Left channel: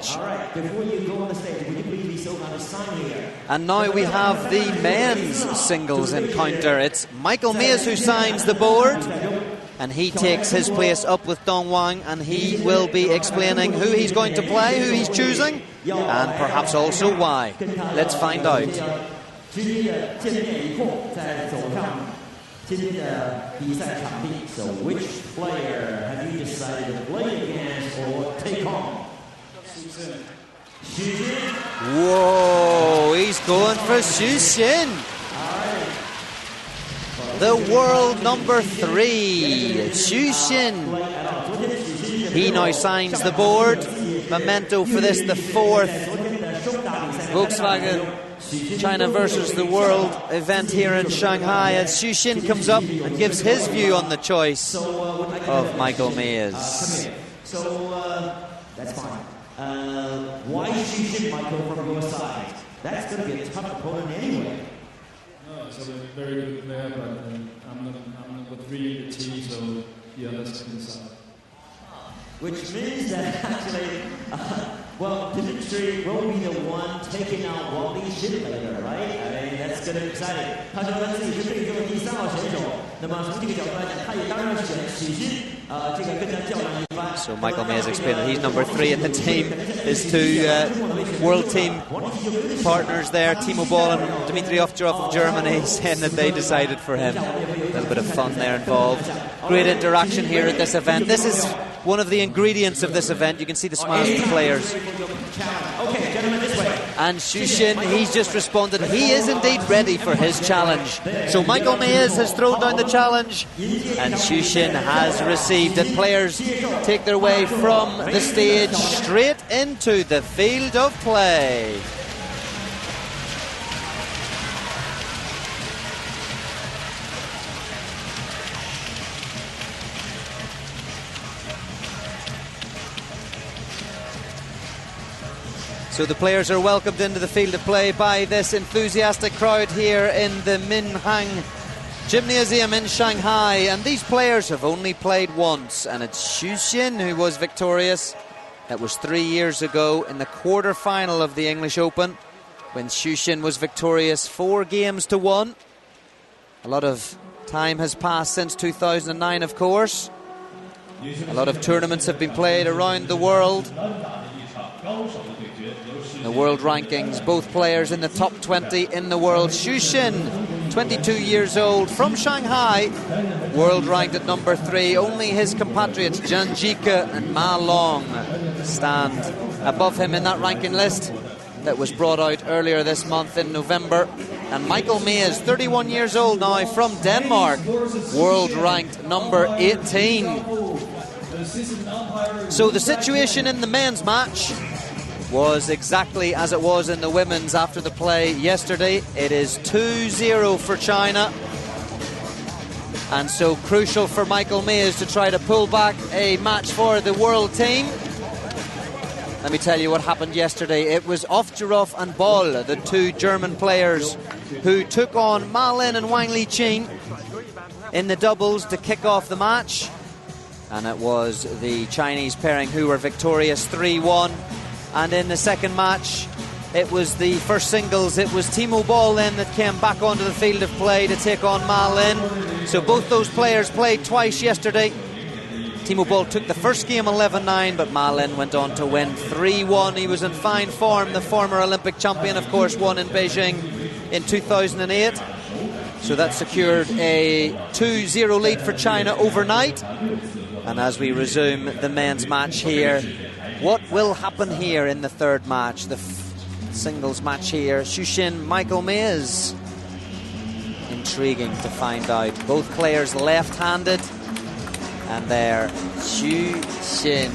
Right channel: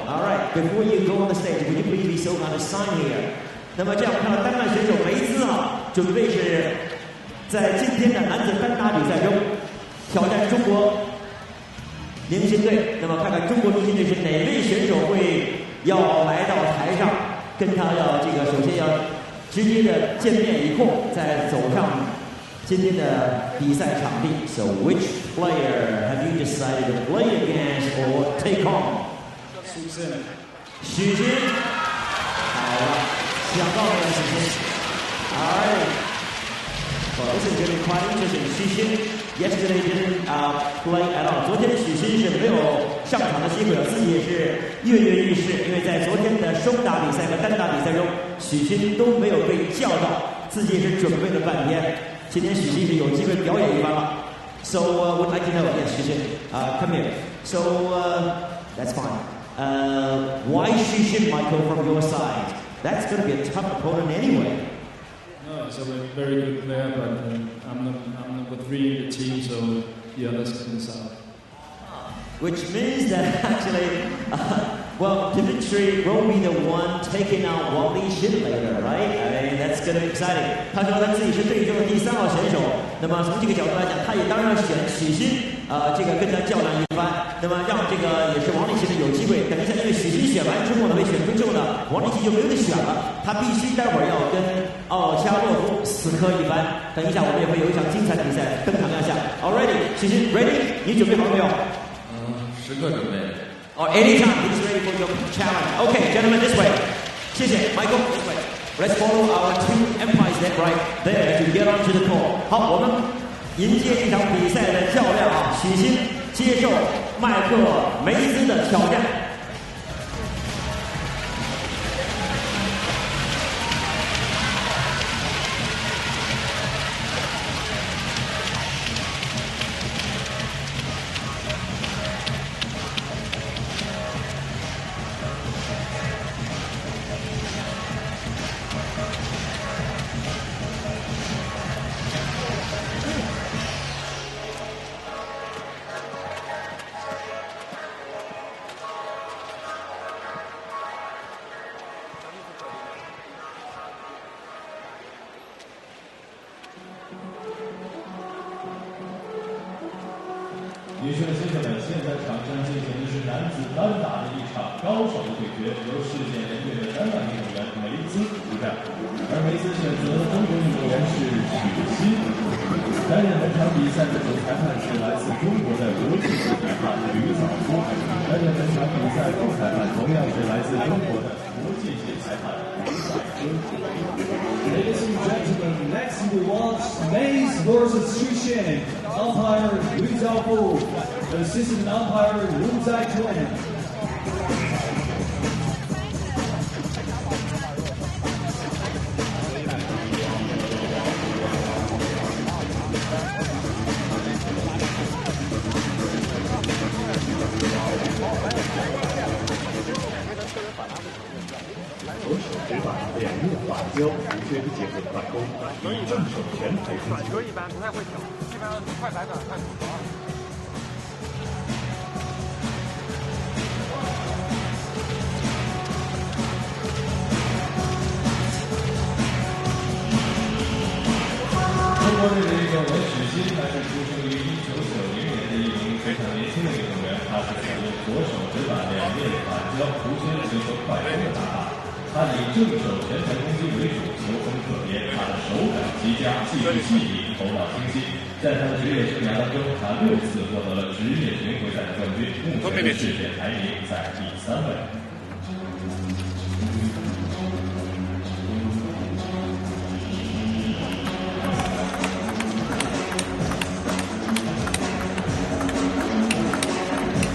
match. All right, before you go on the stage, would you please be so kind of sign here? And now we have the men's singles encounter. It's Michael Mays who signs the board, and he takes his place up with Dong Wang, and he will be explaining who he's going to play, who he's choosing, and perhaps also why. Let's find out. 直接的见面以后，再走上今天的比赛场地。So which player have you decided to play against or take on? Xu Xin. Whoa, he's going for Xu Xin. All right. The world number 3, Xu Xin. He now signs the board. Memento for this, the 4th China versus the world event here in Shanghai. And Xu Xin comes up and gives his view on the choice of Michael Mays. Come here. So that's fine. Why Xu Xin, Michael, from your side? That's going to be a tough opponent anyway. No, it's a very good player, but I'm number 3 in the team, so the others can decide. Which means that actually, well, Dimitri will be the one taking out Wally Xin later, right? I mean, that's going to be exciting. 他说他自己是对阵的第3号选手，那么从这个角度来讲，他也当然选许昕，这个跟他较量一番。那么让这个王励勤有机会，肯定在这个许昕选完之后呢，被选出之后呢，王励勤就没有得选了。他必须待会儿要跟Germany that they decided for him. 等一下我们也会有一场精彩的比赛，跟大家。Great interaction here in this event. This is one of the ingredients of this event. You can see the smiling players. Okay, gentlemen, this way. And Xu Xin, he's just responded. He is indeed ready for his challenge. So Michael Mays has thrown out the challenge, and Xu Xin has received. The players take their way from the stage straight into the field of play. So the players are welcomed into the field of play by this enthusiastic crowd here in the Minhang Gymnasium in Shanghai. And these players have only played once, and it's Xu Xin who was victorious. That was 3 years ago in the quarter-final of the English Open, when Xu Xin was victorious 4 games to 1. A lot of time has passed since 2009, of course. A lot of tournaments have been played around the world. The world rankings, both players in the top 20 in the world. Xu Xin, 22 years old, from Shanghai, world ranked at number 3. Only his compatriot Zhang Jike and Ma Long stand above him in that ranking list that was brought out earlier this month in November. And Michael Mays, 31 years old now, from Denmark, world ranked number 18. So the situation in the men's match was exactly as it was in the women's after the play yesterday. It is 2-0 for China, and so crucial for Michael Mays to try to pull back a match for the world team. Let me tell you what happened yesterday. It was Ovtcharov and Boll, the 2 German players, who took on Ma Lin and Wang Liqing in the doubles to kick off the match. And it was the Chinese pairing who were victorious 3-1. And in the second match, it was the first singles. It was Timo Boll then that came back onto the field of play to take on Ma Lin. So both those players played twice yesterday. Timo Boll took the first game 11-9, but Ma Lin went on to win 3-1. He was in fine form. The former Olympic champion, of course, won in Beijing in 2008. So that secured a 2-0 lead for China overnight. And as we resume the men's match here, what will happen here in the third match, the singles match here? Xu Xin, Michael Mays. Intriguing to find out. Both players left-handed. There, Xu Xin.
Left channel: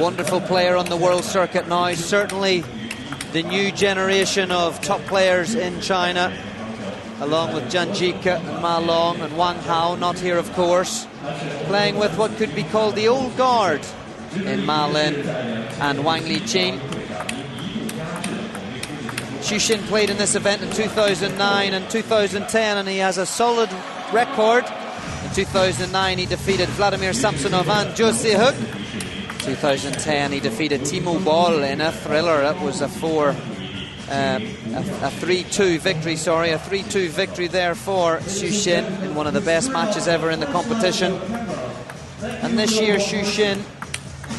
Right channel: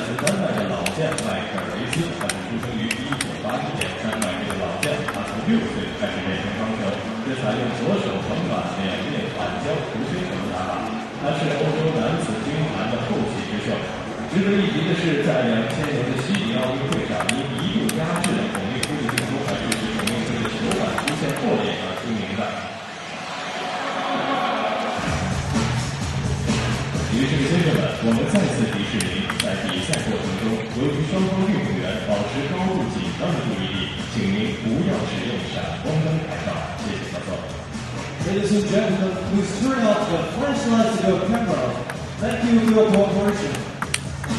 Wonderful player on the world circuit now. Certainly the new generation of top players in China, along with Zhang Jike, Ma Long and Wang Hao, not here of course, playing with what could be called the old guard, Ma Lin and Wang Liqing. Xu Xin played in this event in 2009 and 2010, and he has a solid record. 2009 he defeated Vladimir Samsonov and Jo Se-hook. 2010. He defeated Timo Boll in a thriller. It was a 3-2 victory, a 3-2 victory there for Xu Xin. One of the best matches ever in the competition. And this year, Xu Xin,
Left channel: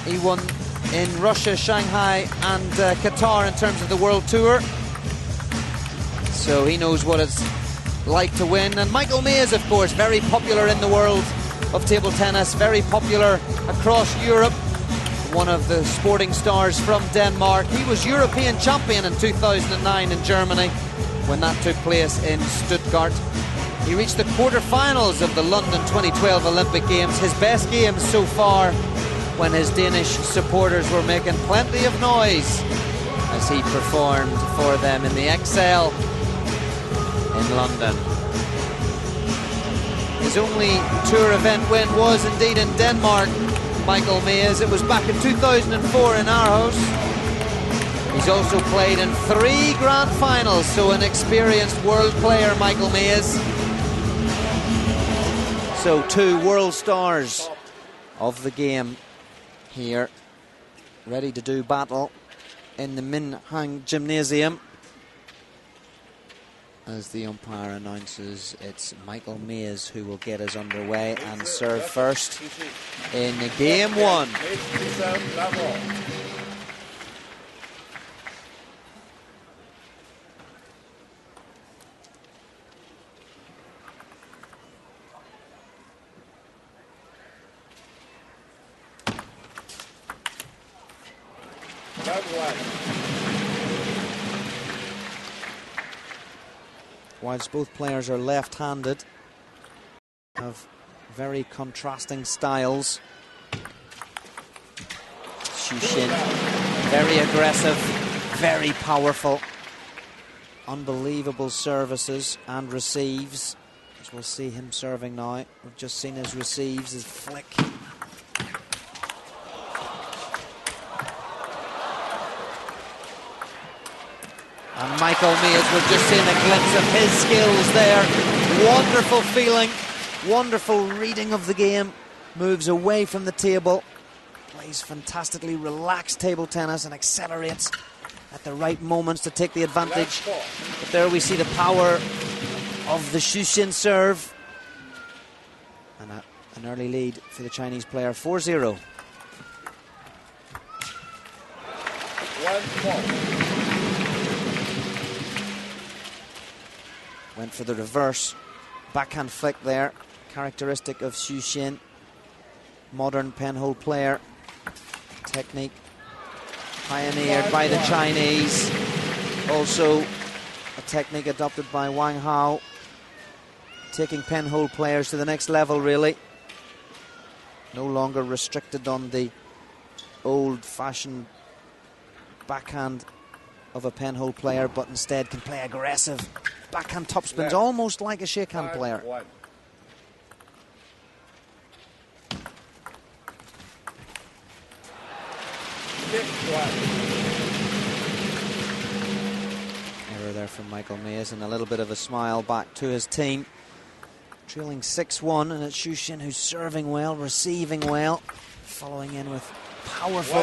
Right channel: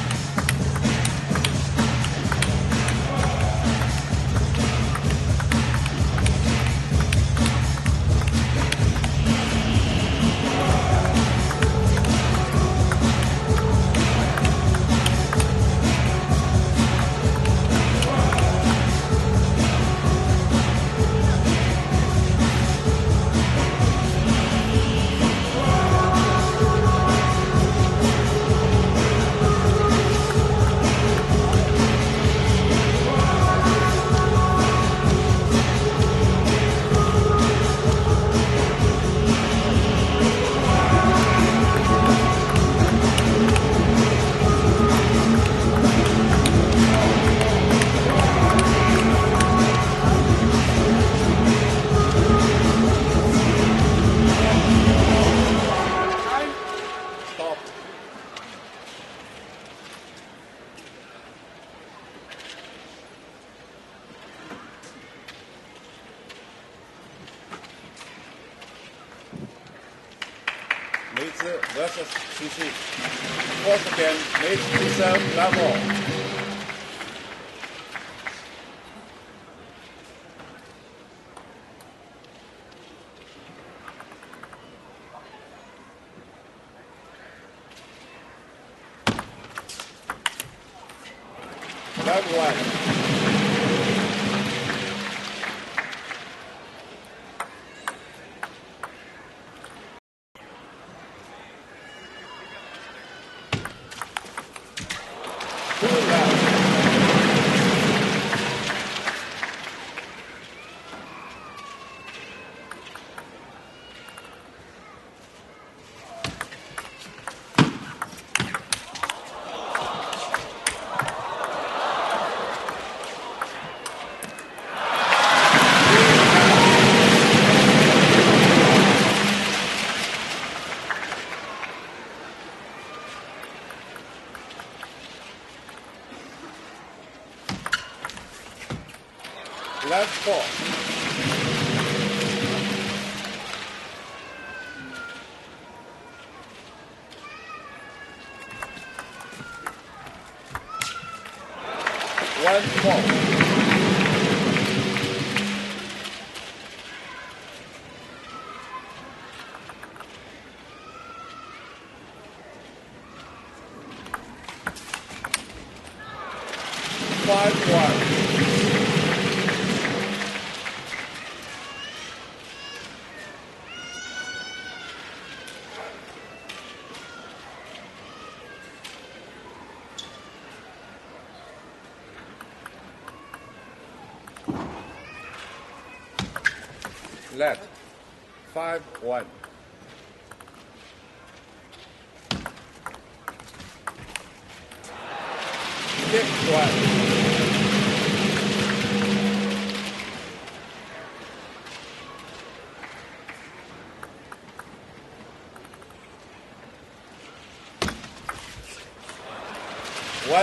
he won in Russia, Shanghai, and Qatar in terms of the World Tour. So he knows what it's like to win. And Michael Mays, of course, very popular in the world of table tennis, very popular across Europe. One of the sporting stars from Denmark. He was European champion in 2009 in Germany when that took place in Stuttgart. He reached the quarterfinals of the London 2012 Olympic Games. His best game so far when his Danish supporters were making plenty of noise as he performed for them in the Excel in London. His only tour event win was indeed in Denmark, Michael Mays. It was back in 2004 in Aarhus. He's also played in 3 grand finals, so an experienced world player, Michael Mays. So 2 world stars of the game here, ready to do battle in the Minhang Gymnasium. As the umpire announces, it's Michael Mays who will get us underway and serve first in game 1. Whilst both players are left-handed, have very contrasting styles. Very aggressive, very powerful, unbelievable services and receives, which we'll see him serving now. We've just seen his receives, his flick. Wonderful reading of the game, moves away from the table, plays fantastically relaxed table tennis and accelerates at the right moments to take the advantage. There we see the power of the Xu Xin serve. And an early lead for the Chinese player, 4-0. 1-4. And for the reverse, backhand flick there. Characteristic of Xu Xin, modern penhold player. Technique pioneered by the Chinese. Also, technique adopted by Wang Hao. Taking penhold players to the next level, really. No longer restricted on the old-fashioned backhand of a penhold player, but instead can play aggressive backhand topspins, almost like a shakehand player. 5-1. There from Michael Mays, and a little bit of a smile back to his team. Trailing 6-1, and it's Xu Xin who's serving well, receiving well, following in with powerful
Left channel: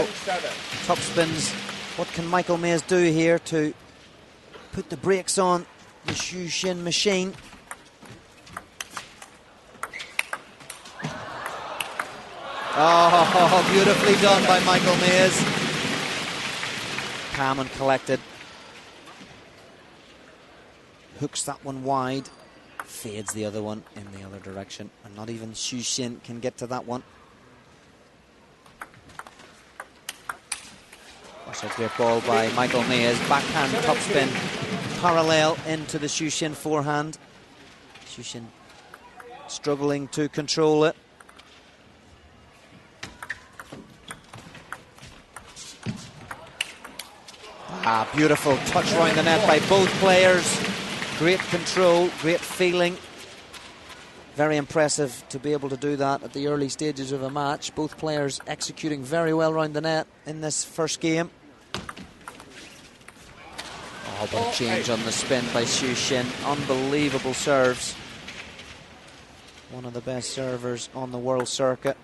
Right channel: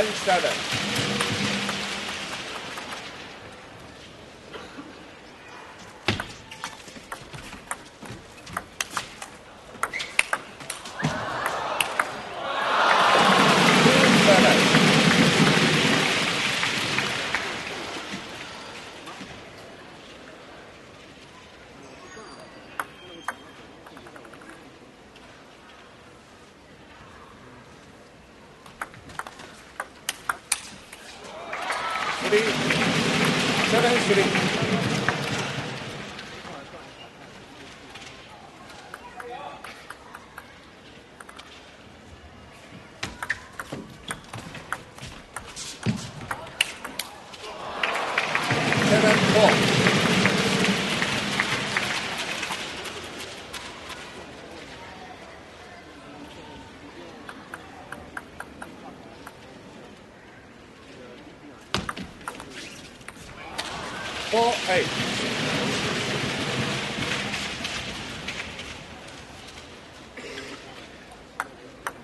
topspins. What can Michael Mays do here to put the brakes on the Xu Xin machine? Beautifully done by Michael Mays. Calm and collected. Hooks that one wide, fades the other one in the other direction. And not even Xu Xin can get to that one. That's a great ball by Michael Mays. Backhand topspin, parallel into the Xu Xin forehand. Xu Xin struggling to control it. Beautiful touch on the net by both players. Great control, great feeling. Very impressive to be able to do that at the early stages of a match. Both players executing very well around the net in this first game. Change on the spin by Xu Xin. Unbelievable serves. One of the best servers on the world circuit.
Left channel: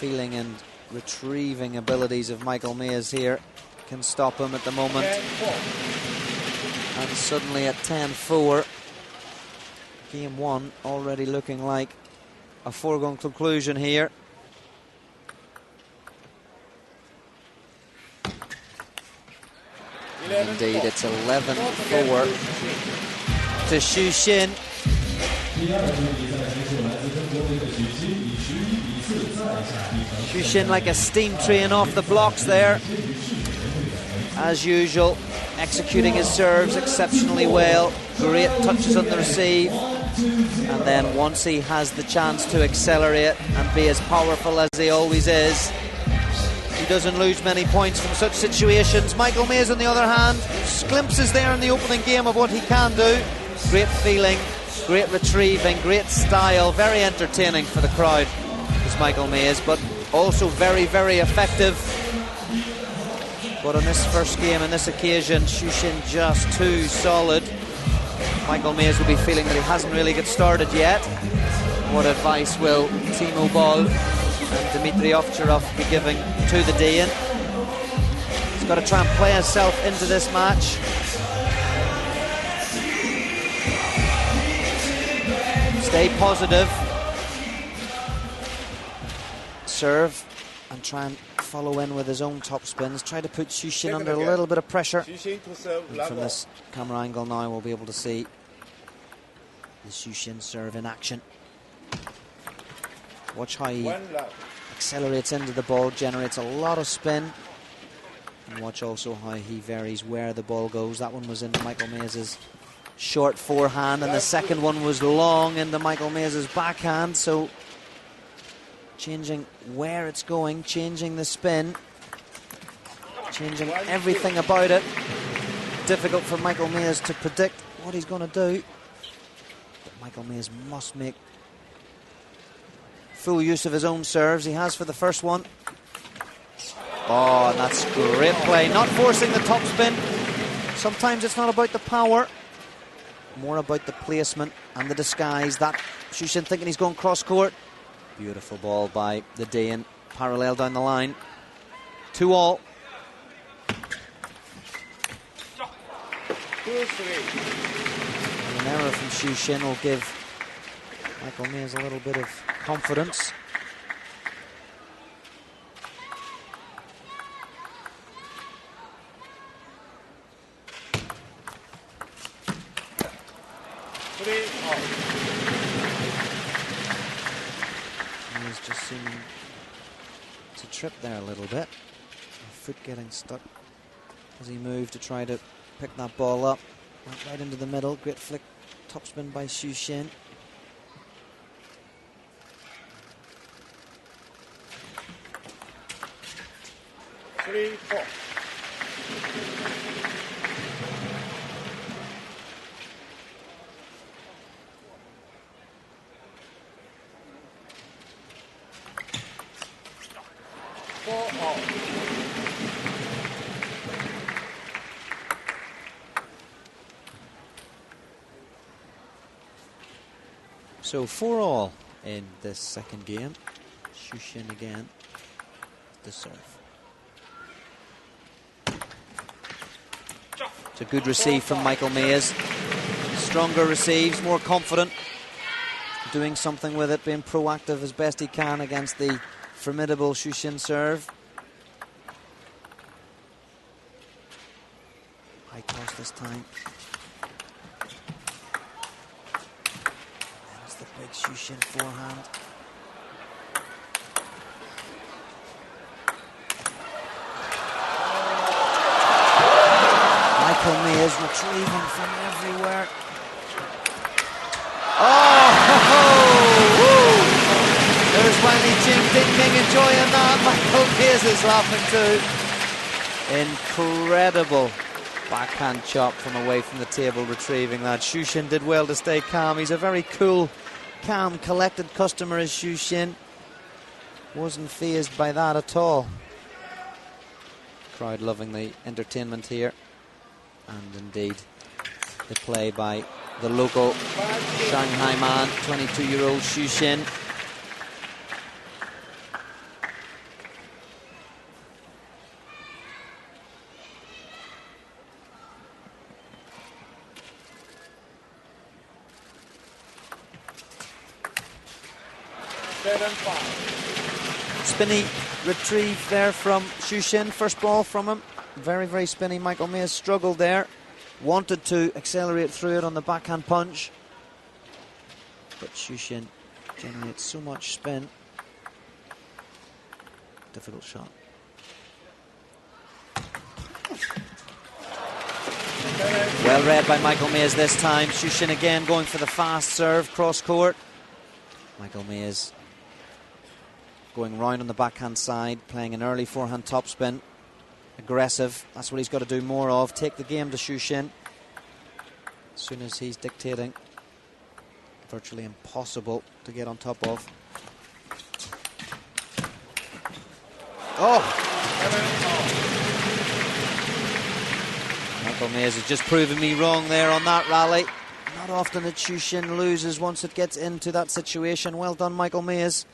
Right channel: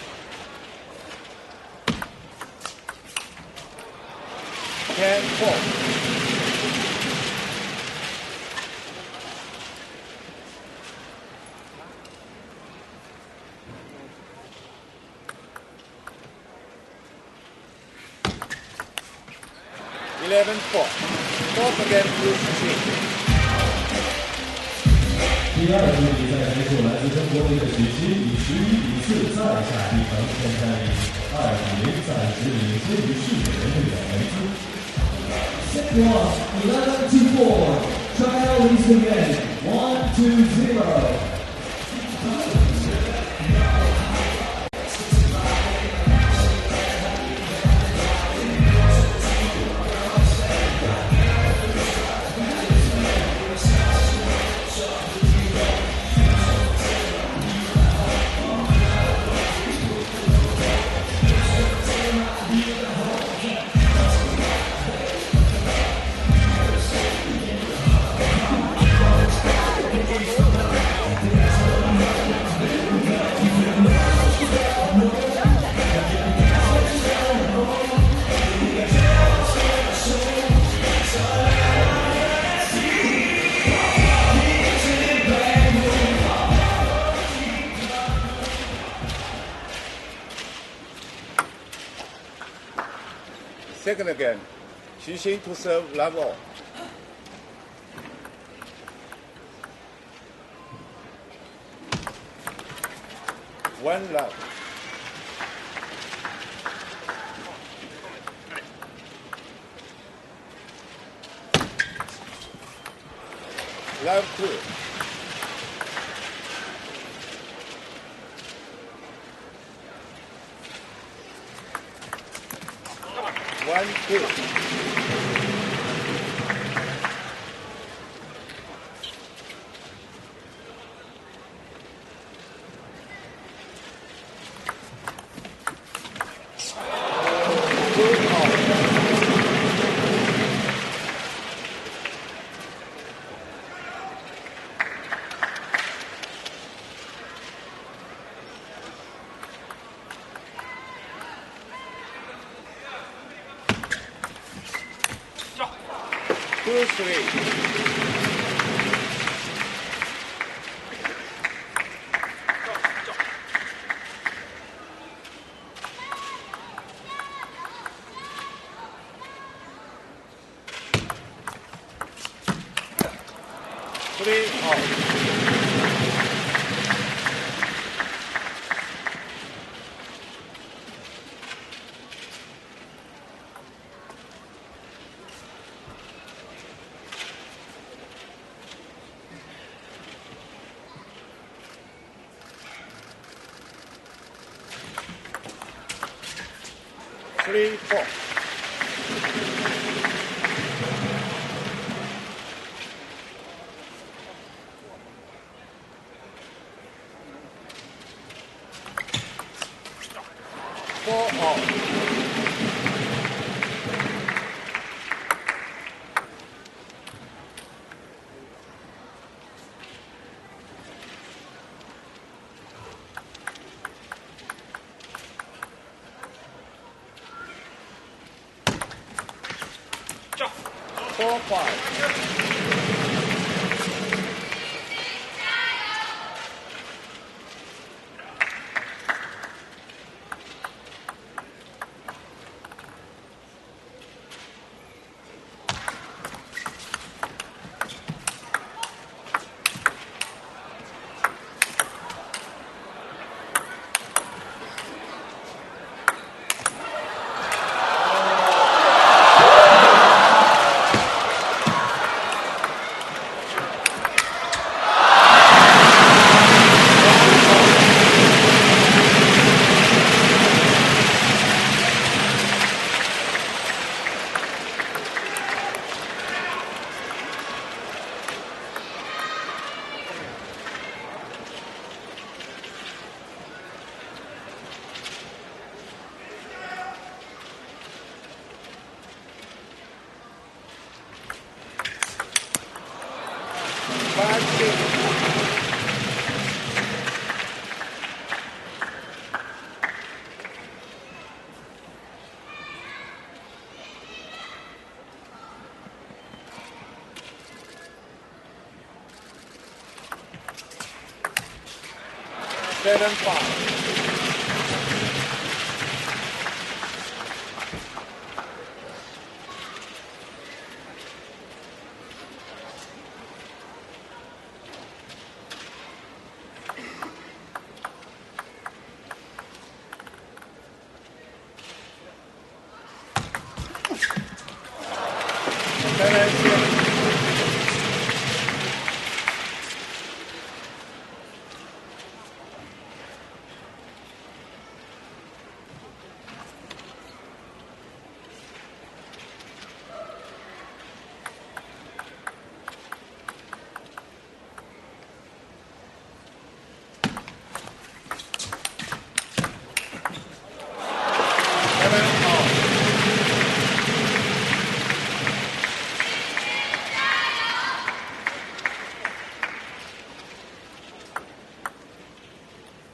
feeling and retrieving abilities of Michael Mays here can stop him at the moment. 10-4. Suddenly at 10-4. Game 1 already looking like a foregone conclusion here. 11-4. It's 11 Fourth again to Xu Xin. 第二局比赛结束，来自中国队的许昕以11-4再下一城。 Xu Xin like a steam train off the blocks there. As usual, executing his serves exceptionally well. Great touches on the receive. And then once he has the chance to accelerate and be as powerful as he always is, he doesn't lose many points in such situations. Michael Mays, on the other hand, glimpses there in the opening game of what he can do. Great feeling, great retrieving, great style, very entertaining for the crowd. It's Michael Mays, but also very, very effective. But on this first game, on this occasion, Xu Xin just too solid. Michael Mays will be feeling that he hasn't really got started yet. What advice will Timo Boll, Dmitry Ovtcharov be giving to the Dayan? He's got to try and play himself into this match. Stay positive. Serve and try and follow in with his own top spins. Try to put Xu Xin under a little bit of pressure. Xu Xin to serve level. This camera angle now we'll be able to see the Xu Xin serve in action. Watch how he accelerates into the ball, generates a lot of spin. And watch also how he varies where the ball goes. That one was into Michael Mays' short forehand, and the second one was long into Michael Mays' backhand. So changing where it's going, changing the spin, changing everything about it. Difficult for Michael Mays to predict what he's going to do. Michael Mays must make full use of his own serves. He has for the first one. Oh, that's a great play. Not forcing the top spin. Sometimes it's not about the power, more about the placement and the disguise. That Xu Xin thinking he's going cross court. Beautiful ball by the Dayan, parallel down the line. 2-all. 2-3. Xu Xin will give Michael Mays a little bit of confidence. Trip there a little bit. Foot getting stuck as he moved to try to pick that ball up. Right into the middle. Great flick. Topspin by Xu Xin. Three, four. So 4-all in this second game. Xu Xin again. The serve. It's a good receive from Michael Mays. Stronger receives, more confident. Doing something with it, being proactive as best he can against the formidable Xu Xin serve. This time. Xu Xin forehand. Michael Mays retrieving from everywhere. Incredible backhand chop from away from the table, retrieving that. Xu Xin did well to stay calm. He's a very cool, calm, collected customer, is Xu Xin. Wasn't fazed by that at all. Crowd loving the entertainment here. And indeed, the play by the local 22-year-old Xu Xin. 7-5. Spinny retrieve there from Shushin. First ball from him. Very, very spinny. Michael Mays struggled there. Wanted to accelerate through it on the backhand punch. But Shushin didn't need so much spin. Difficult shot. Read by Michael Mays this time. Shushin again going for the fast serve cross court. Michael Mays going round on the backhand side, playing an early forehand topspin. Aggressive, that's what he's got to do more of. Take the game to Shushin as soon as he's dictating. Virtually impossible to get on top of. Michael Mays has just proven me wrong there on that rally. Not often that Shushin loses once it gets into that situation. Well done, Michael Mays.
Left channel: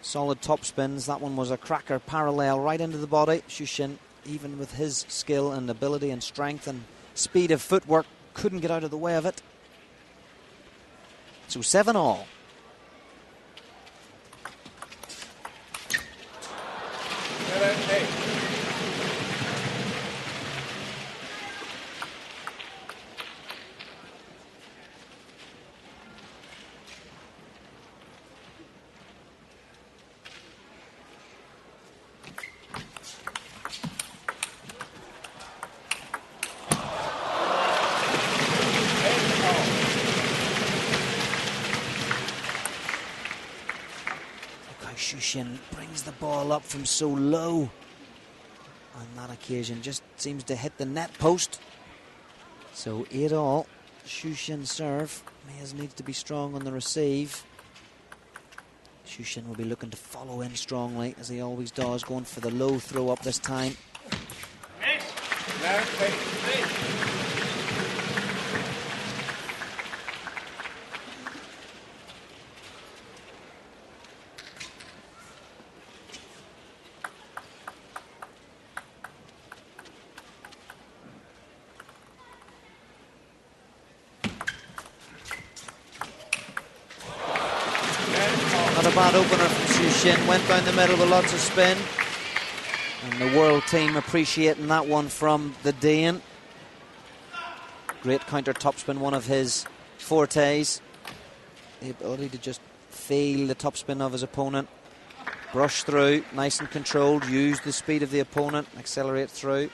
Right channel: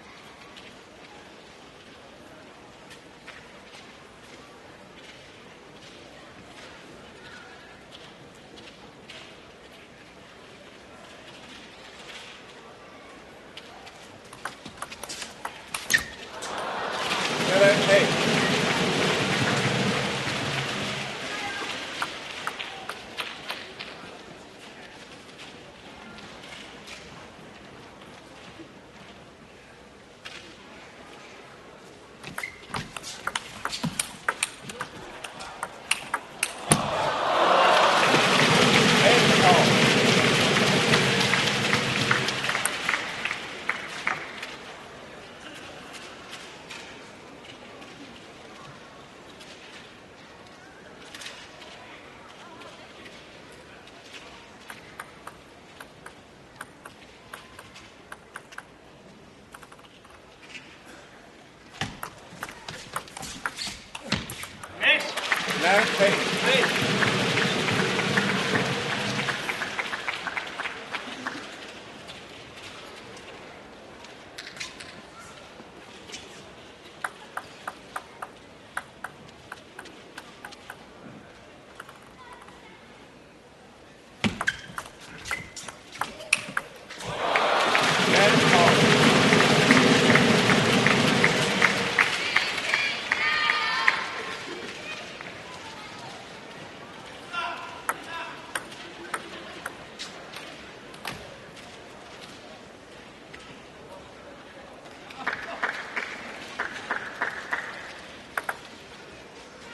Solid top spins. That one was a cracker parallel right into the body. Shushin, even with his skill and ability and strength and speed of footwork, couldn't get out of the way of it. So 7-all. Brings the ball up from so low on that occasion, just seems to hit the net post. So 8-all. Shushin serve. Mays needs to be strong on the receive. Shushin will be looking to follow in strongly, as he always does, going for the low throw up this time. Appreciating that one from the Dane. Great counter topspin, one of his fortes. The ability to just feel the topspin of his opponent, brush through, nice and controlled, use the speed of the opponent, accelerate through.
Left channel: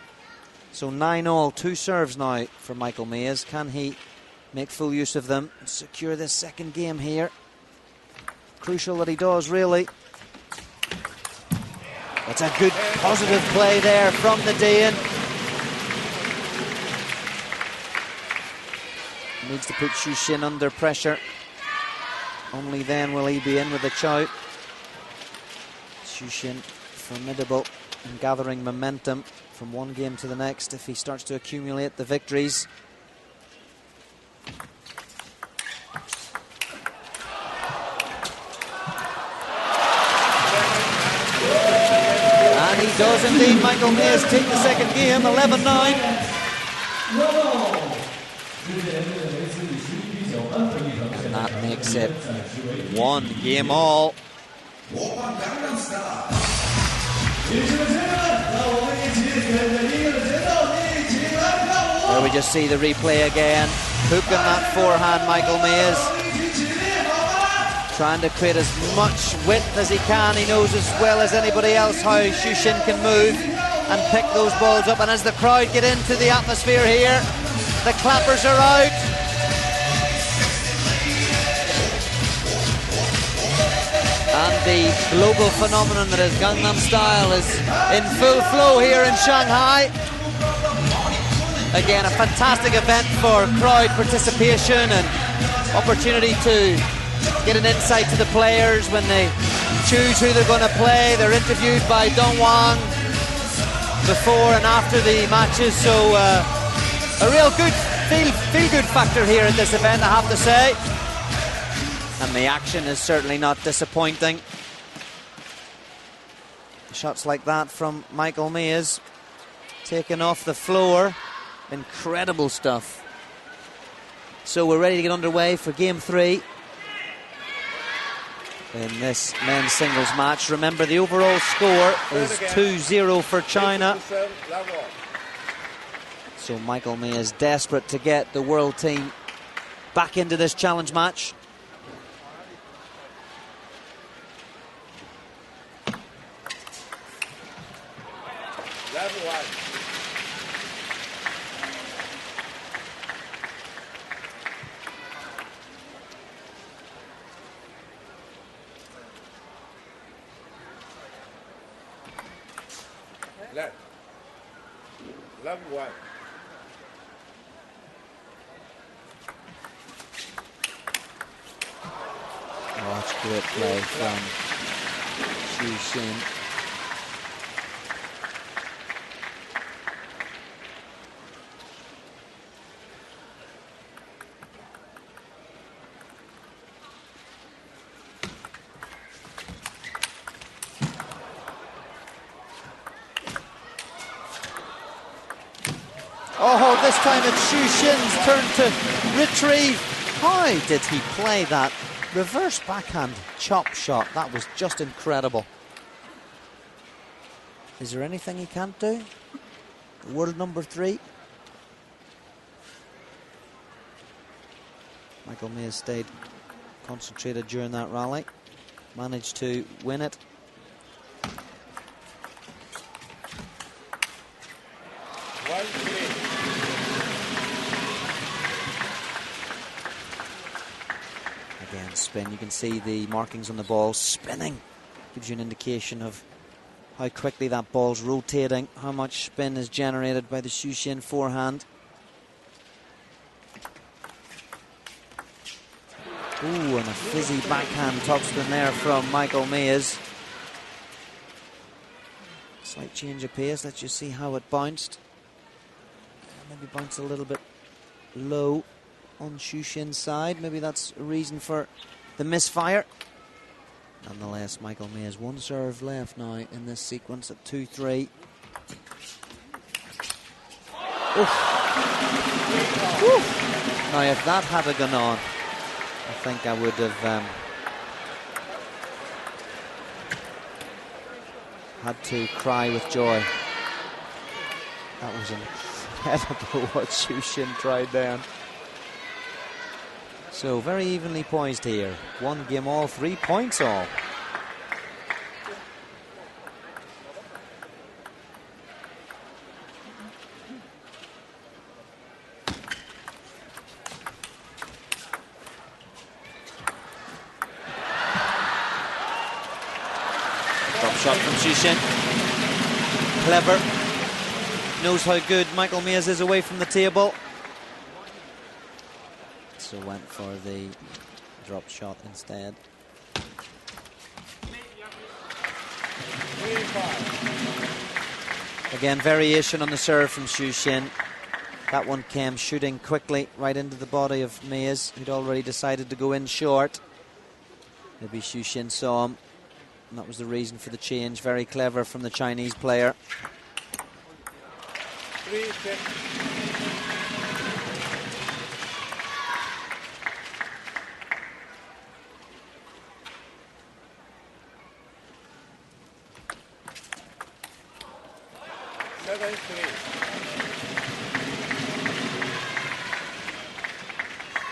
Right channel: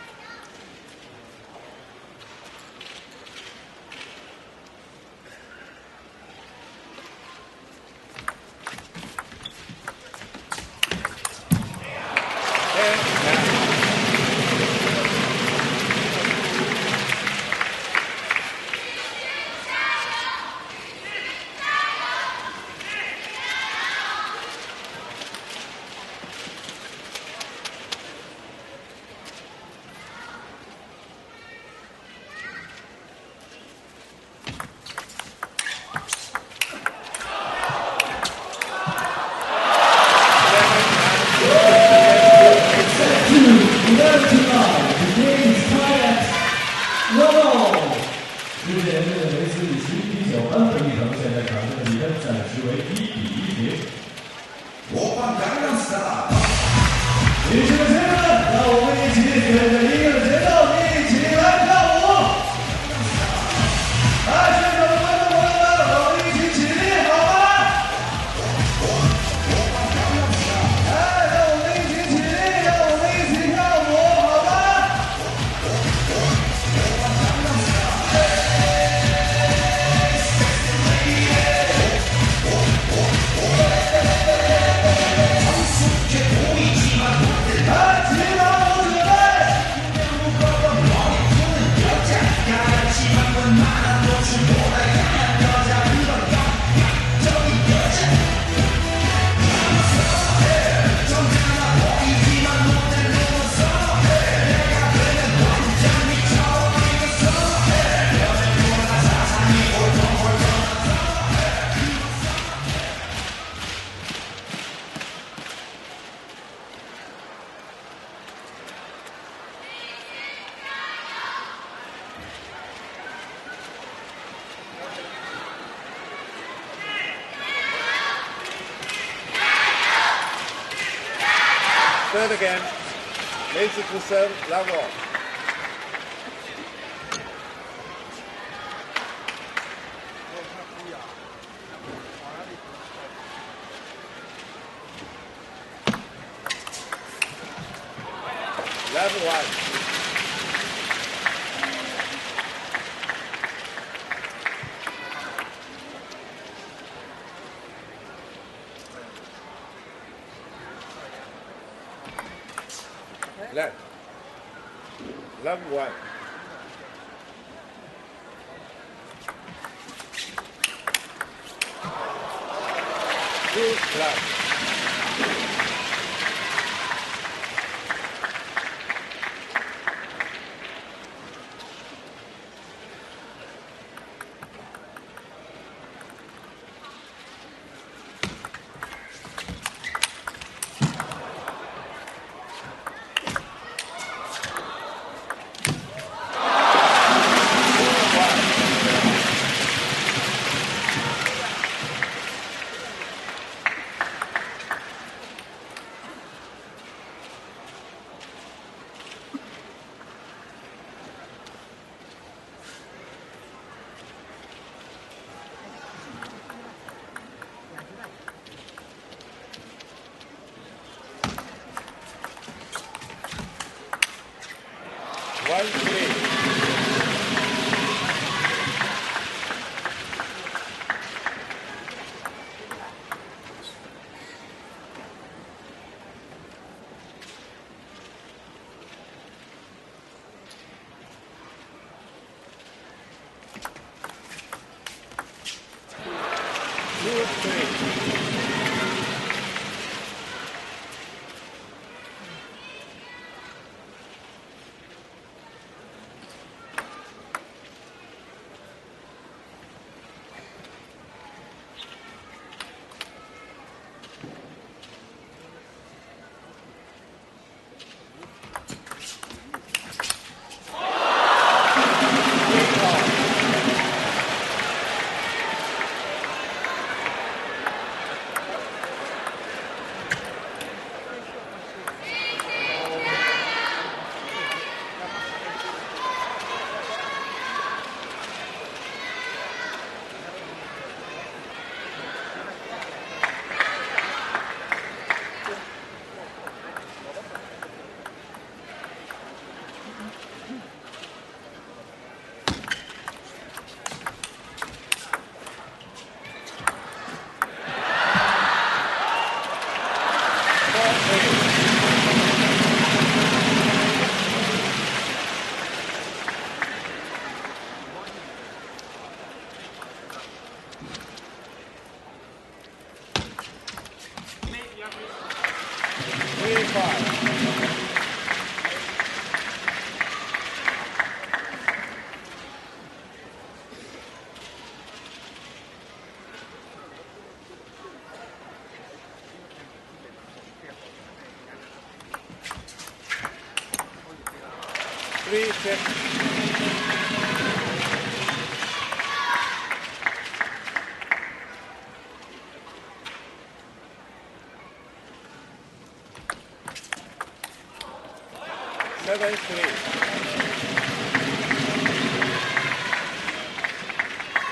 So 9-all, 2 serves now for Michael Mays. Can he make full use of them, secure this second game here? Crucial that he does, really. It's a good positive play there from the Dane. Needs to put Shushin under pressure. Only then will he be in with a chow. Shushin formidable and gathering momentum from one game to the next if he starts to accumulate the victories. One game all. We just see the replay again. Hook up his forehand, Michael Mays. Trying to create as much width as he can. He knows as well as anybody else how Shushin can move and pick those balls up. And as the crowd get into the atmosphere here, the clappers are out. Global phenomenon that is Gangnam Style is in full flow here in Shanghai. Again, a fantastic event for crowd participation and opportunity to get an insight to the players when they choose who they're going to play. They're interviewed by Dongwan before and after the matches, so a real feel-good factor here at this event, I have to say. And the action is certainly not disappointing. Shots like that from Michael Mays, taken off the floor. Incredible stuff. So we're ready to get underway for game 3. in this men's singles match. Remember, the overall score is 2-0 for China. So Michael May is desperate to get the world team back into this challenge match. Level 1. Level 1. Did he play that reverse backhand chop shot? That was just incredible. Is there anything he can't do? World number 3. Michael May stayed concentrated during that rally. Managed to win it. You can see the markings on the ball spinning. Gives you an indication of how quickly that ball's rotating, how much spin is generated by the Xu forehand. Ooh, and a fizzy backhand topspin there from Michael Mays. Slight change of pace, let's just see how it bounced. Maybe bounced a little bit low on Xu side. Maybe that's a reason for the misfire. Nonetheless, Michael May has one serve left now in this sequence at 2-3. Now, if that had been on, I think I would have had to cry with joy. That was incredible what Xu tried there. So very evenly poised here. One game all, 3 points all. Knows how good Michael Mays is away from the table. Drop shot instead. Again, variation on the serve from Xu. That one came shooting quickly right into the body of Mays. He'd already decided to go in short. Maybe Xu saw him, and that was the reason for the change. Very clever from the Chinese player. 3-6.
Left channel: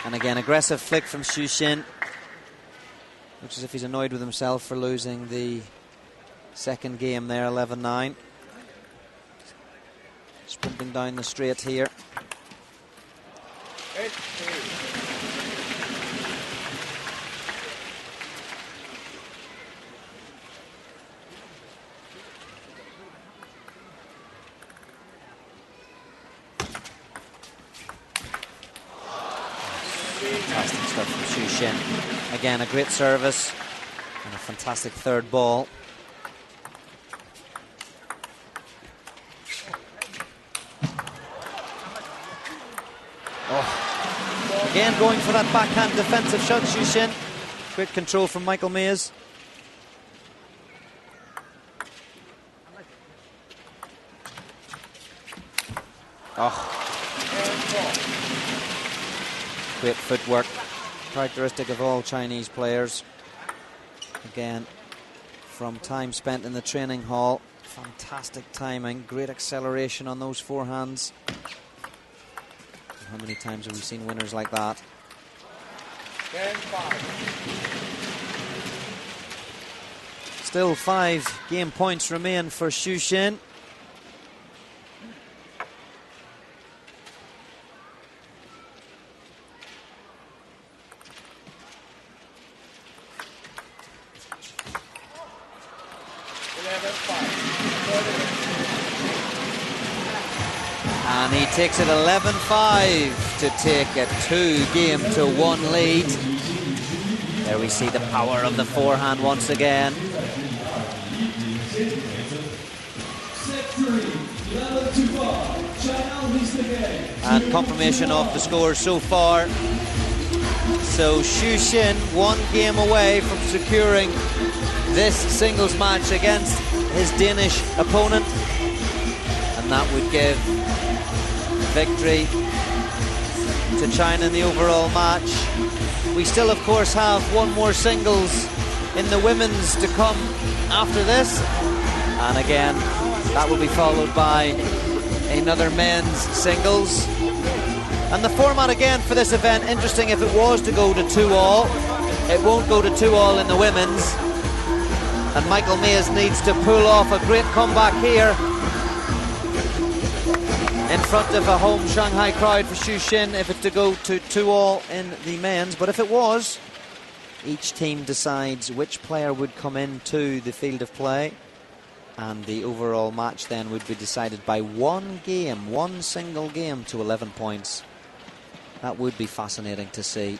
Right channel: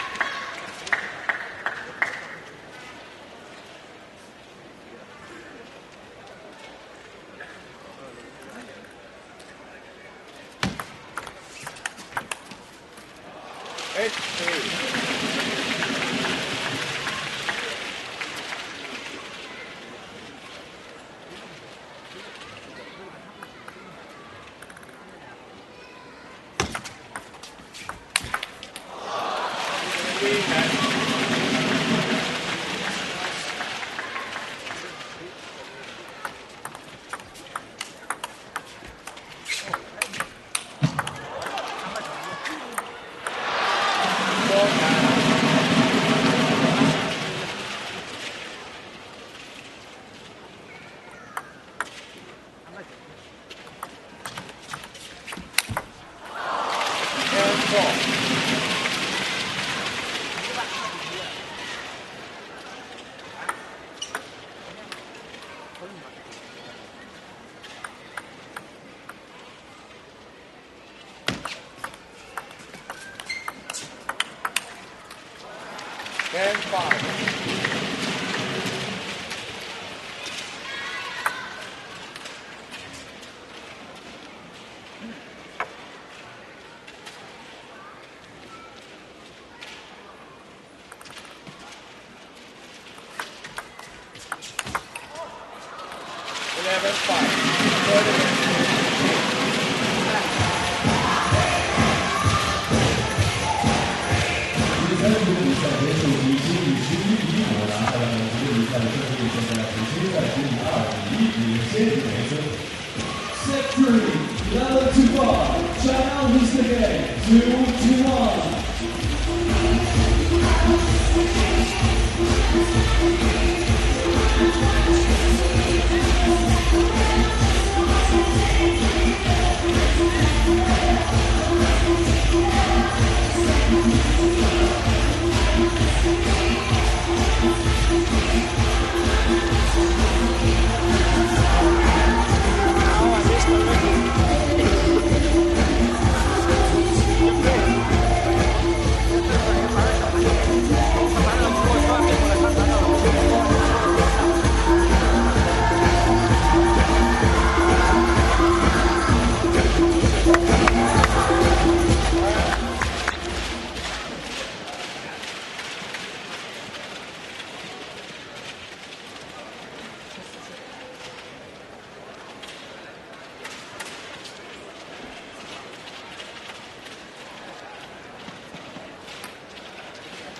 And again, aggressive flick from Xu, which is if he's annoyed with himself for losing the second game there, 11-9. Sweeping down the straight here. 8-3. Again, a great service. And a fantastic third ball. Again, going for that backhand defensive shot, Xu. Great control from Michael Mays. Great footwork, characteristic of all Chinese players. Again, from time spent in the training hall, fantastic timing, great acceleration on those forehands. How many times have we seen winners like that? 10-5. Still 5 game points remain for Xu Xin. He takes it 11-5 to take a 2-game-to-1 lead. There we see the power of the forehand once again. And confirmation of the score so far. So Xu Xin 1 game away from securing this singles match against his Danish opponent. And that would give victory to China in the overall match. We still, of course, have 1 more singles in the women's to come after this. And again, that will be followed by another men's singles. And the format again for this event, interesting if it was to go to 2-all. It won't go to 2-all in the women's. And Michael Mays needs to pull off a great comeback here in front of a home Shanghai crowd for Xu Xin if it's to go to 2-all in the men's. But if it was, each team decides which player would come into the field of play, and the overall match then would be decided by 1 game, 1 single game to 11 points. That would be fascinating to see.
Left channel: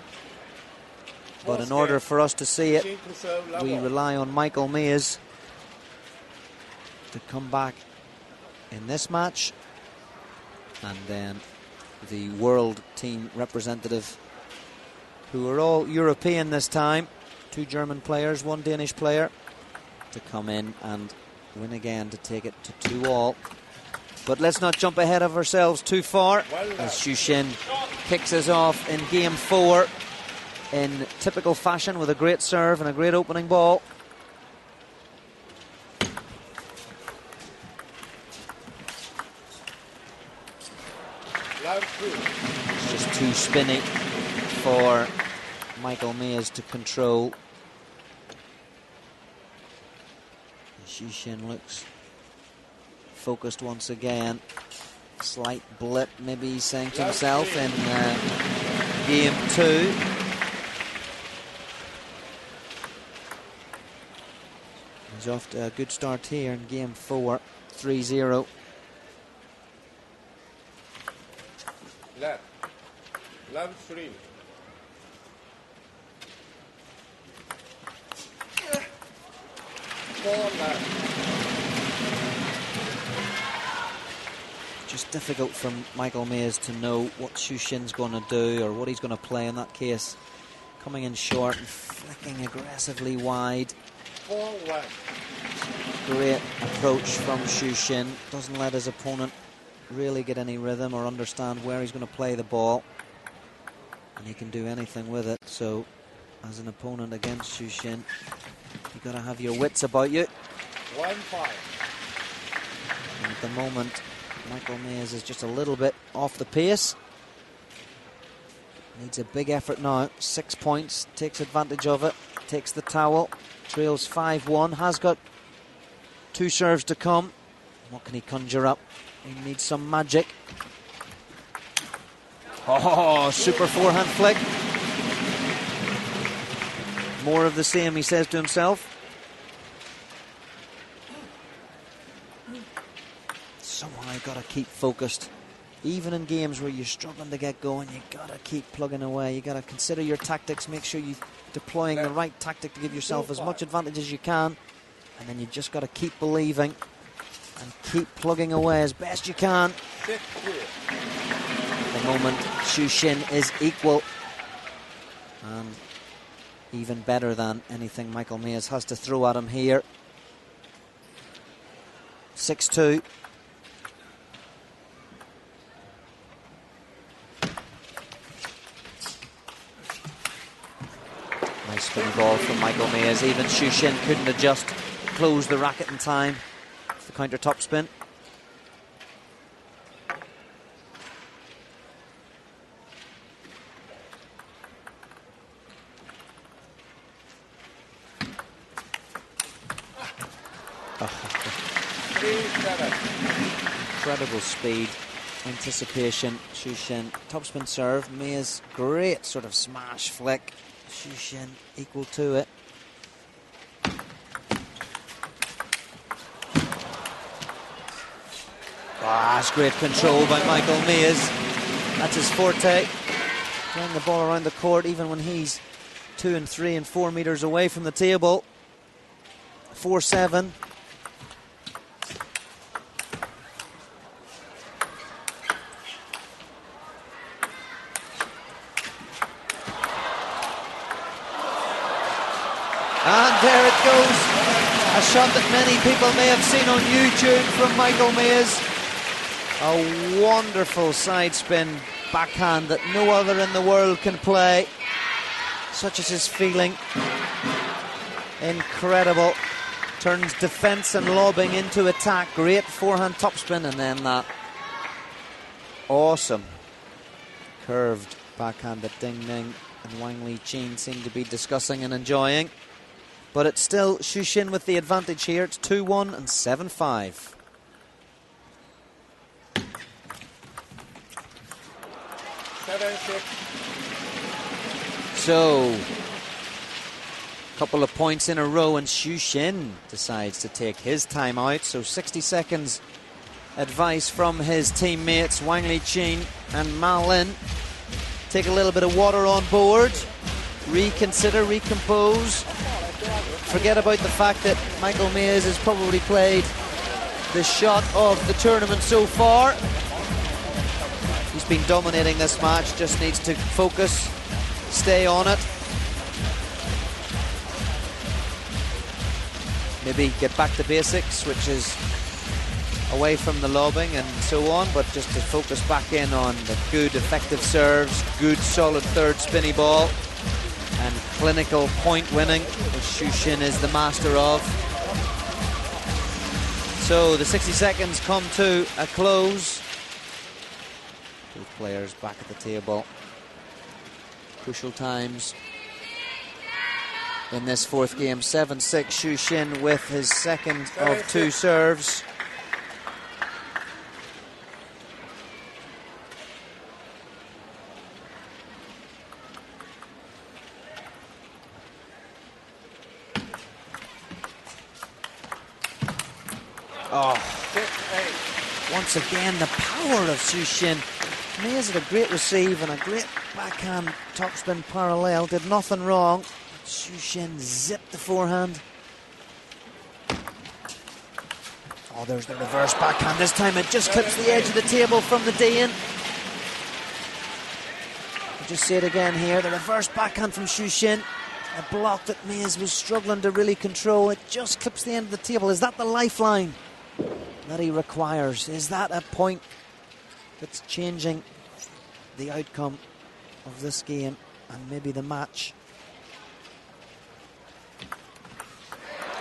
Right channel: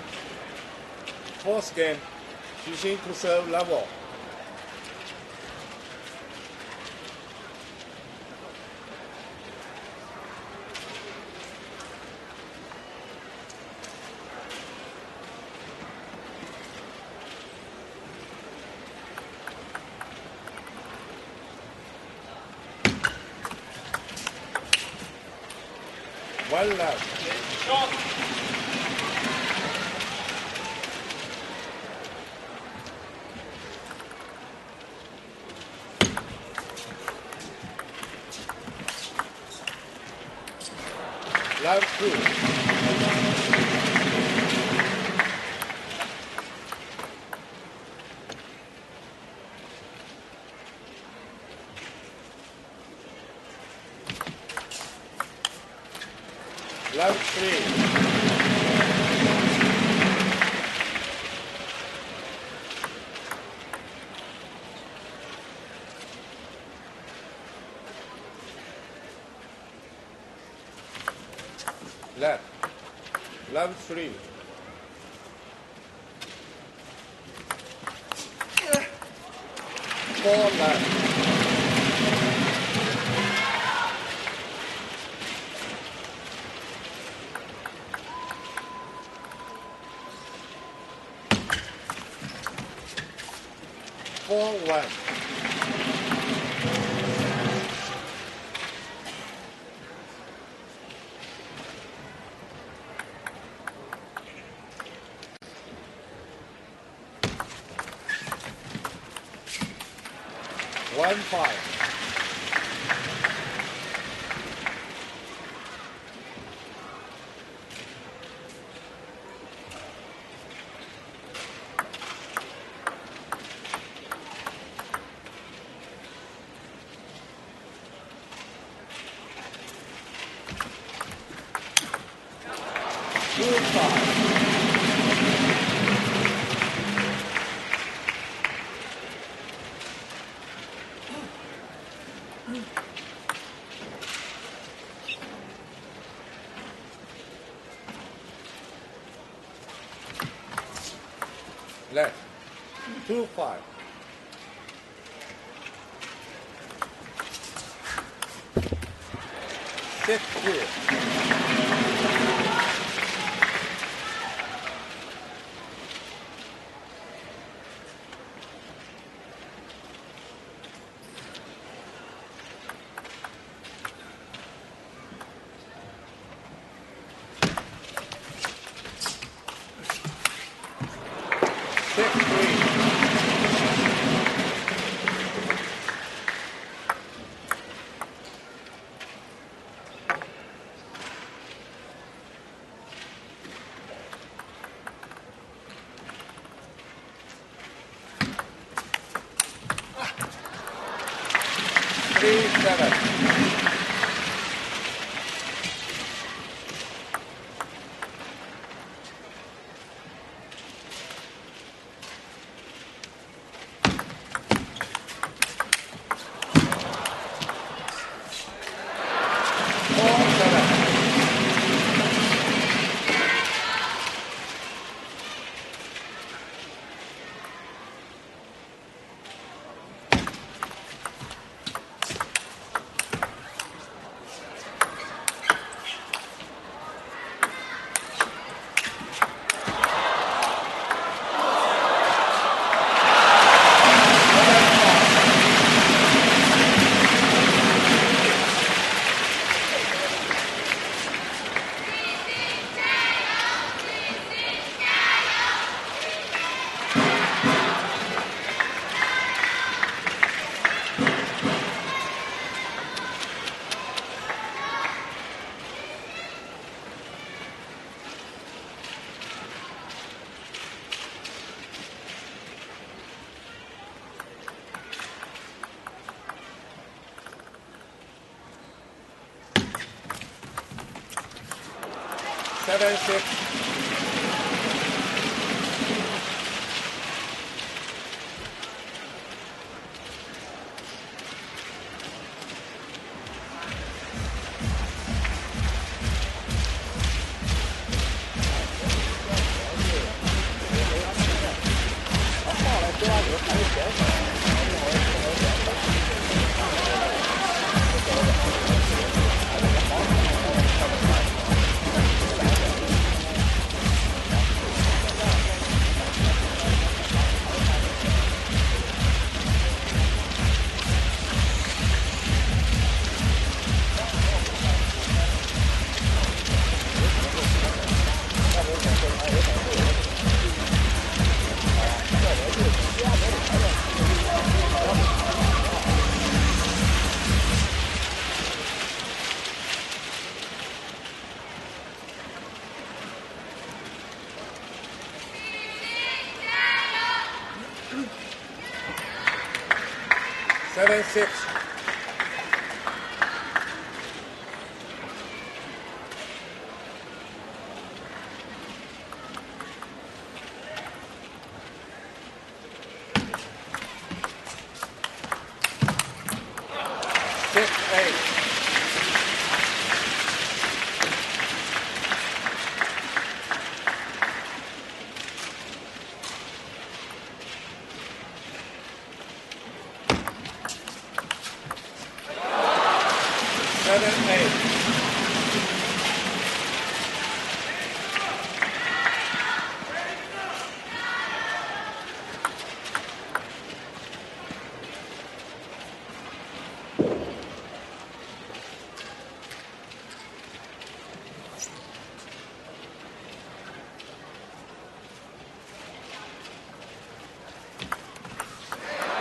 But in order for us to see it, we rely on Michael Mays to come back in this match. And then the world team representative, who are all European this time, 2 German players, 1 Danish player, to come in and win again to take it to 2-all. But let's not jump ahead of ourselves too far. Xu Xin kicks us off in game 4 in typical fashion with a great serve and a great opening ball. Love 2. Those 2 spinning for Michael Mays to control. Xu Xin looks focused once again. Slight blip, maybe he's saying to himself in game 2. He's off to a good start here in game 4, 3-0. Love 3. Just difficult for Michael Mays to know what Xu Xin's going to do or what he's going to play in that case. Coming in short, looking aggressively wide. 4-1. Great approach from Xu Xin. Doesn't let his opponent really get any rhythm or understand where he's going to play the ball. And he can do anything with it. So, as an opponent against Xu Xin, you've got to have your wits about you. 1-5. At the moment, Michael Mays is just a little bit off the pace. Needs a big effort now. 6 points, takes advantage of it, takes the towel, trails 5-1, has got 2 serves to come. What can he conjure up? He needs some magic. Oh, super forehand flick. More of the same, he says to himself. So you've got to keep focused. Even in games where you're struggling to get going, you've got to keep plugging away. You've got to consider your tactics, make sure you're deploying the right tactic to give yourself as much advantage as you can. And then you've just got to keep believing. Keep plugging away as best you can. Xu Xin is equal. Even better than anything Michael Mays has to throw at him here. 6-2. Even Xu Xin just close the racket in time. Counter topspin. Incredible speed, anticipation. Xu Xin, topspin serve. Mays, great sort of smash flick. Xu Xin equal to it. That's great control by Michael Mays. That's his forte. Throwing the ball around the court even when he's 2 and 3 and 4 meters away from the table. 4-7. Wonderful side spin backhand that no other in the world can play. Such is his feeling. Incredible. Turns defense and lobbing into attack. Great forehand topspin, and then that awesome curved backhand that Ding Ning and Wang Weijing seem to be discussing and enjoying. But it's still Xu Xin with the advantage here. It's 2-1 and 7-5. So, a couple of points in a row, and Xu Xin decides to take his time out. So 60 seconds advice from his teammates, Wang Weijing and Ma Lin. Take a little bit of water on board, reconsider, recompose. Forget about the fact that Michael Mays has probably played the shot of the tournament so far. Been dominating this match, just needs to focus, stay on it. Maybe get back to basics, which is away from the lobbing and so on, but just to focus back in on good, effective serves, good, solid third spinny ball, and clinical point winning. Xu Xin is the master of. So the 60 seconds come to a close. Players back at the table. Crucial times in this fourth game. 7-6, Xu Xin with his second of 2 serves. Oh, 6-8. Once again, the power of Xu Xin. He is a great receive and a great backhand topspin parallel. Did nothing wrong. Xu Xin zipped the forehand. Oh, there's the reverse backhand. This time it just clips the edge of the table from the Dane. Just see it again here. The reverse backhand from Xu Xin. A block that Mays was struggling to really control. It just clips the end of the table. Is that the lifeline that he requires? Is that a point that's changing the outcome of this game and maybe the match?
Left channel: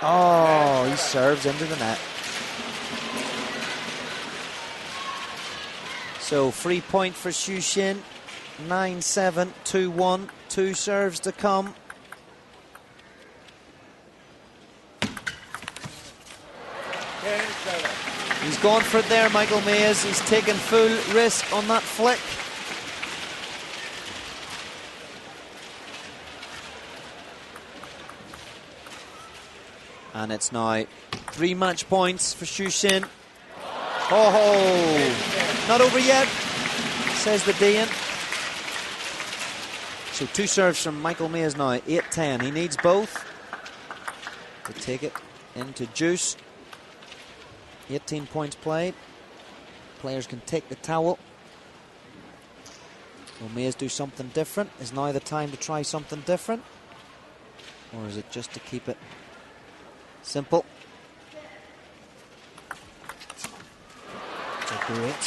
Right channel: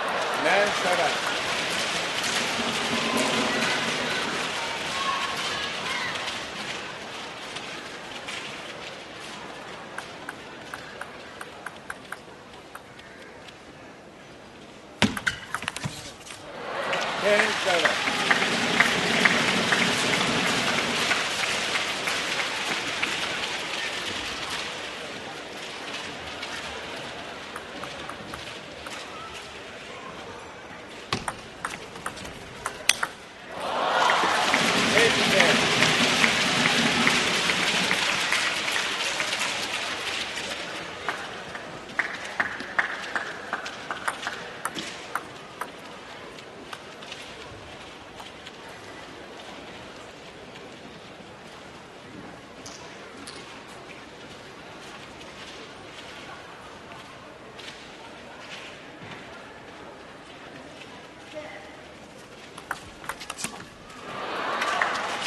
Oh, he serves into the net. So free point for Xu Xin. 9-7, 2-1, 2 serves to come. He's gone for it there, Michael Mays. He's taken full risk on that flick. And it's now 3 match points for Xu Xin. Oh, not over yet, says the Dean. So 2 serves from Michael Mays now, 8-10. He needs both to take it into juice. 18 points played. Players can take the towel. Will Mays do something different? Is now the time to try something different? Or is it just to keep it simple?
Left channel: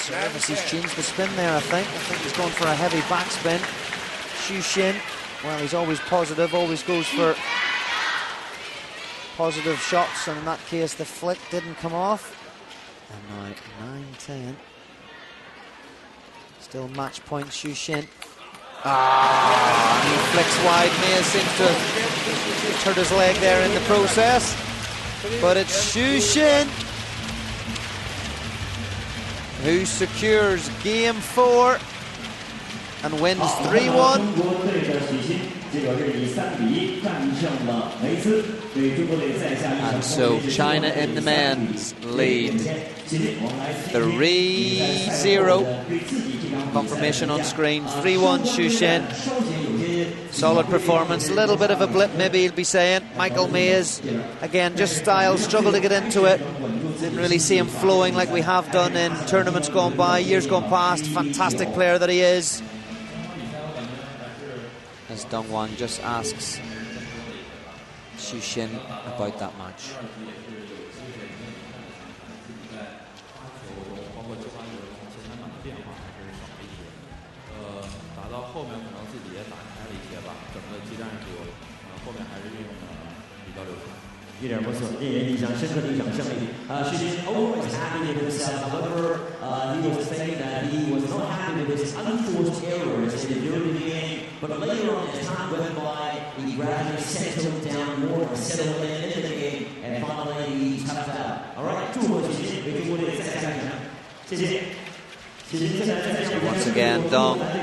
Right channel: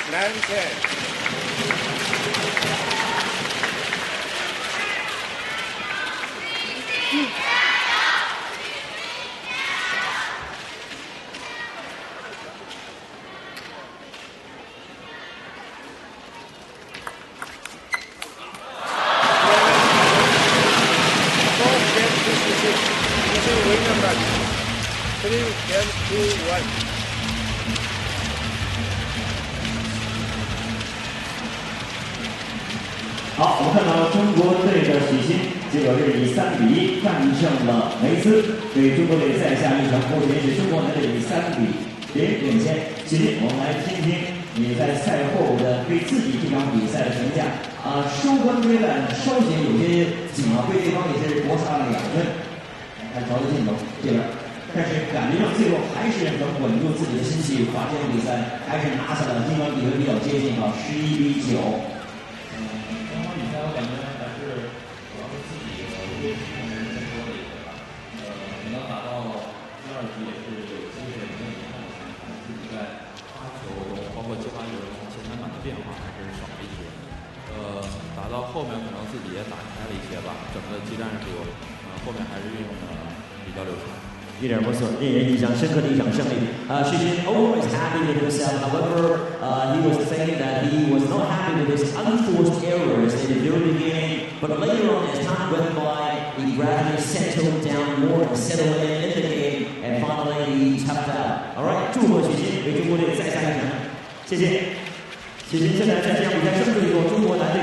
Seems to spin there, I think. He's going for a heavy backspin. Xu Xin, well, he's always positive, always goes for positive shots. In that case, the flick didn't come off. 19. Still match point, Xu Xin. For his leg there in the process. But it's Xu Xin who secures game 4 and wins 3-1. 中国对着许昕，结果是以3比1战胜了梅斯，对中国队再下一场破局是中国队以3比0领先。许昕，我们来听听你在赛后的对自己这场比赛的评价。双方对战稍显有些 Solid performance, a little bit of a blip, maybe he'll be saying. Michael Mays, again, just style, struggle to get into it. Really see him flowing like we have done in tournaments gone by, years gone past. Fantastic player that he is. He's done one, just asks Xu Xin about that match. 包括接发球前三板的变化还是少了一些，打到后面可能自己也打开了一些吧，整个技战术，后面还是运用的比较流畅。一点不错，令人印象深刻的一场胜利。Xu Xin always happy with himself. However, he was saying that he was not happy with his unforced errors in the very beginning. But later on, as time went by, he gradually settled down more, settled in the game, and finally he toughed out. All right, 祝贺许昕为中国队再下一城。谢谢。许昕现在在这场比赛胜利中，中国男队。